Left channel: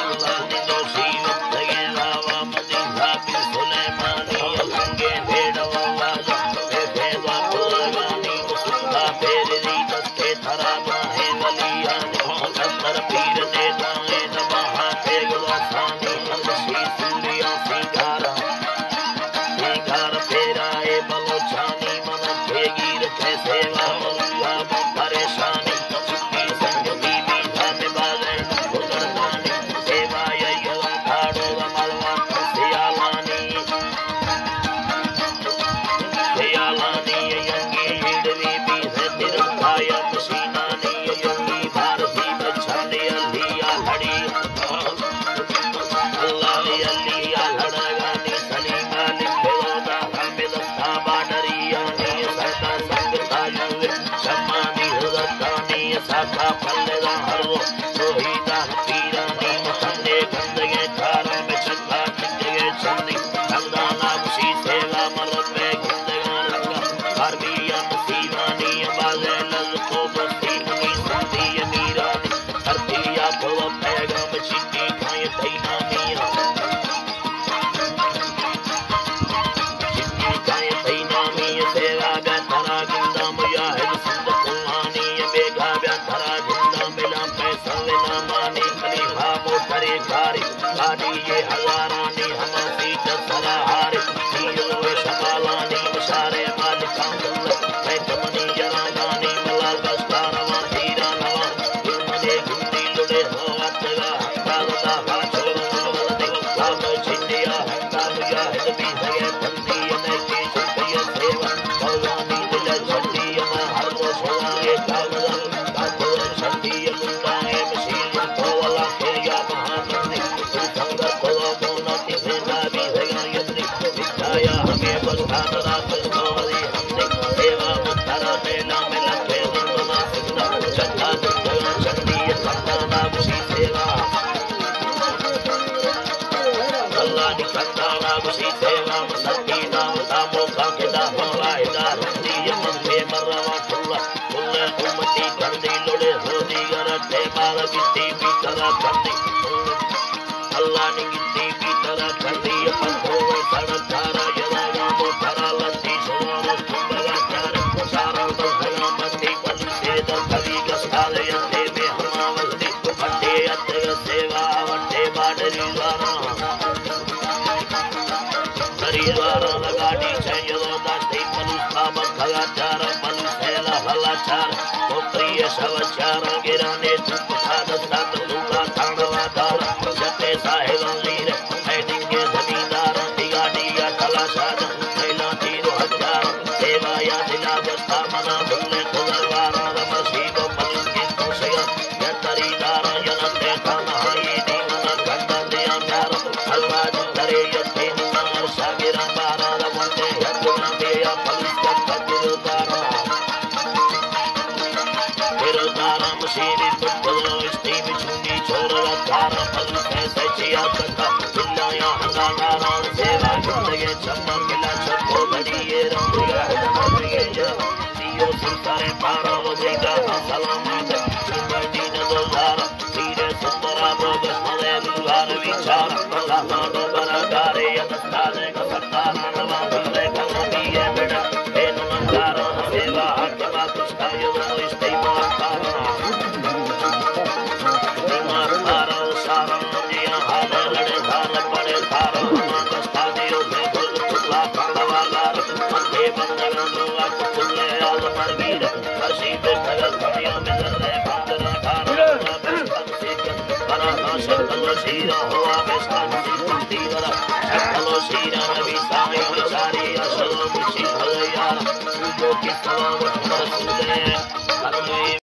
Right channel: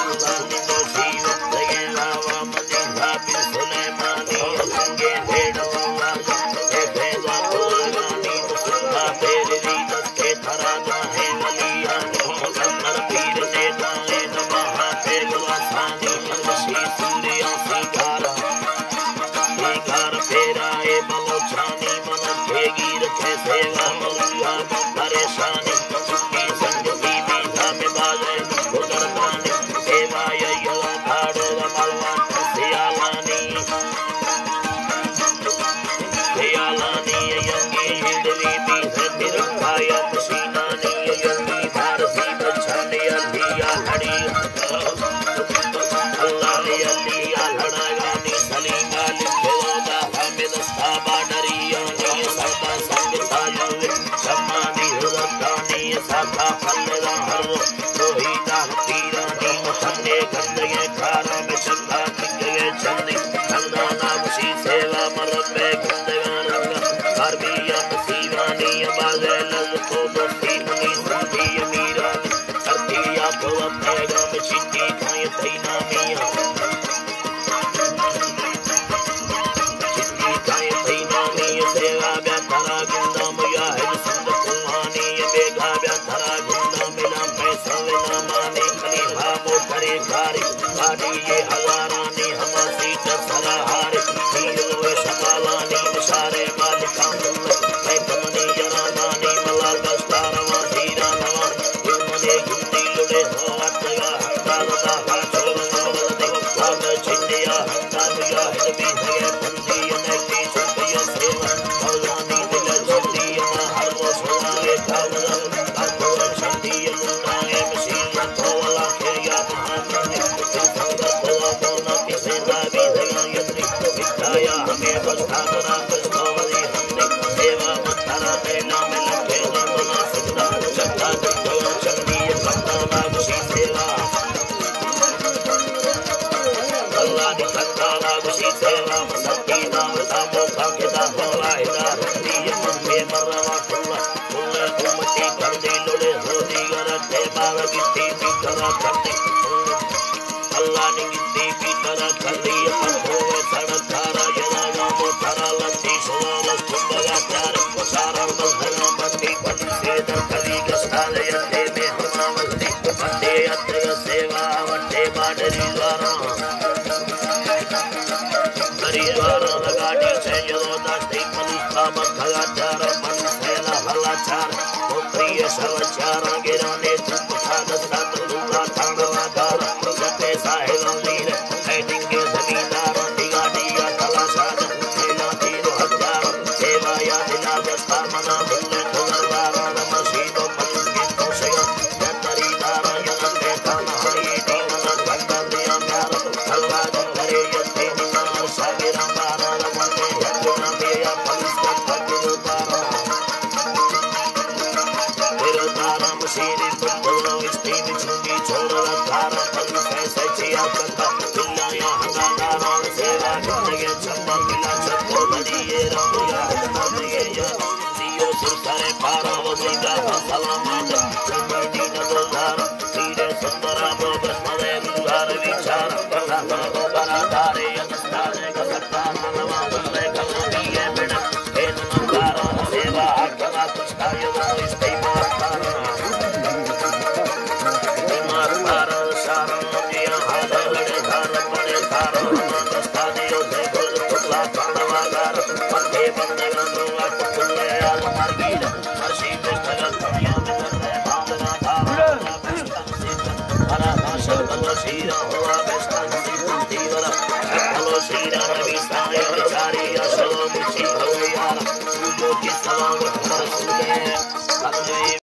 अल्लाह ने दोषी वक्त ये वावा मदीना भी सुलेमानी अलंगे भेड़ वाला देखे वापुरगानी मुसल्ला फेरी दस्ते थरा गाहे वलियानी मुसल्लर पीर ने गाए दबाहा ते गुलासानी अंगशी सूरिया सिंगारा सिंगार फेराए बलोचानी मन भेगी रखे सेवा मरुआ परेशानी चुप्पी संगती बीधा में बाजे गुजरदानी सेवा यला धाड़ो मलवा सियालानी यंगी हिडवी बीधे तिरंगाया मशीनानी यंगी भारती बचाने अलिया लड़ी अल्लाह ने अलिया लड़ागानी सलीमा लिखोदा हमें दस्ताबा डरिया ने सदा संगताया शमानी हुदतानी साका फलदा हर रोहिता पीरानी मखने गंदगे खारा में चक्का टिके चंदी संगाना मुसी सेवा मरबे गंदगा रंगा हरबिया मसीवानी बागे लल को बस्ती मुनी संदी मीरानी हरतिया तो पैगाम चिट्ठी खाए तैना मिया चिट्ठी खाए तैना मिया सेवा बेतरा गिंदा मुया है संद कुहानी बेगा बेतरा गिंदा मिला पैसा लेना माने खलीफा मोटरे कारी गाड़ी ये हजारानी हमासी चसरा हारे हीरोए समालानी मशारे मालिका मैं कमनी जरा गानी मलाल बस्तारवा तीरा नवा मने गुंदी लुड़े होवतगा हंदादा बाछोरवा वलदे लाग छिंडिया हंदा मुया हिदबी सगे बंदी ने की छुपिय सेवा भगवानी दिल छंडी मा हर रोज होए कावला कातोर छंडी लुंडाए मशीन तोवला के या महानंदी संगत को मोना किसे ना भी सगा यंदी विचाया हमें बस्तारा बस्तोवली हंदी सेवा मतरा मेला में लखे बना सिद्धा चक्का जगह चंडी कंदाना गुसी सेवा अल्लाह नि कंदाना गुसी सेवा मसती नाम तामो का केदा होरा इदार हिंदी यमन में मरवा टुल्ला कुल्ले उम्मती कंदी लोड़े होदी गरटे बाल गिट्टी भी तरह कंदी अल्लाह ने गिट्टी भी तरह कंदी पंखों सड़क थारा यदा गामो थारा लंदी सुवाल कुंबला थारा सारा बलहला बंदी बंदी से दफली गस्ताले यते में हमावती बंदे अत्र सेवा वटे बाडरी द्वारा परिवारा लगाड़ी चाहिए दास्ती मनुष्य मखलाचार मनुष्यला हलाचार प्रिय शवचार गिराने धूप खाद सात दूला थानवा दार जते साहिल लीर हेडिंगे जमींदार दिगाड़ी या तलाशाद सेला 3000 सेवा या दिला दस्ता मना भूले दरबारा मसीदो पलके तो सया यतरीदार यनते खाना ये दीना कंदा दिया प्यार हलवा करे यते निनार सागिरा बारा वंदे यतना बेया पुलिस का तकिरो दारा तेरो दारा मशीनी पटलो स्टीम छुंगी छोरा दारा पुलिस ऐसे चिया कथा बिल्लाया हंगा दारा सेवा जिंदगी चम्मा किला छको बड़ी ये रंगया यो सुतारे पारा वजगा सलामत सुनी न दोदारा तीरे सुंदरा बोगे मरे दुगार विचार कथा बना गारे यस्ताले कसता नवा बल्ले कलमी ये बिना हे नंगारा सेवा आत्मा तुष्टा यो इस्ते मरतारा बीमार तारा सारा जिया हाल लड़े धार पड़े धारा दस्ता दियो भे बोल तुला कांडवा गार मथे बंदगा नोला कुले आल मरगीरा हसी बेस्तगा दुनिया में रे भादरा धारा Shakalo Shira, Hoa Vestani, Tivara, Shakalo Shira, Ravi Sami, Chari, Ashalo, Muchi, Halayara, Ugo Kisala, Rasule,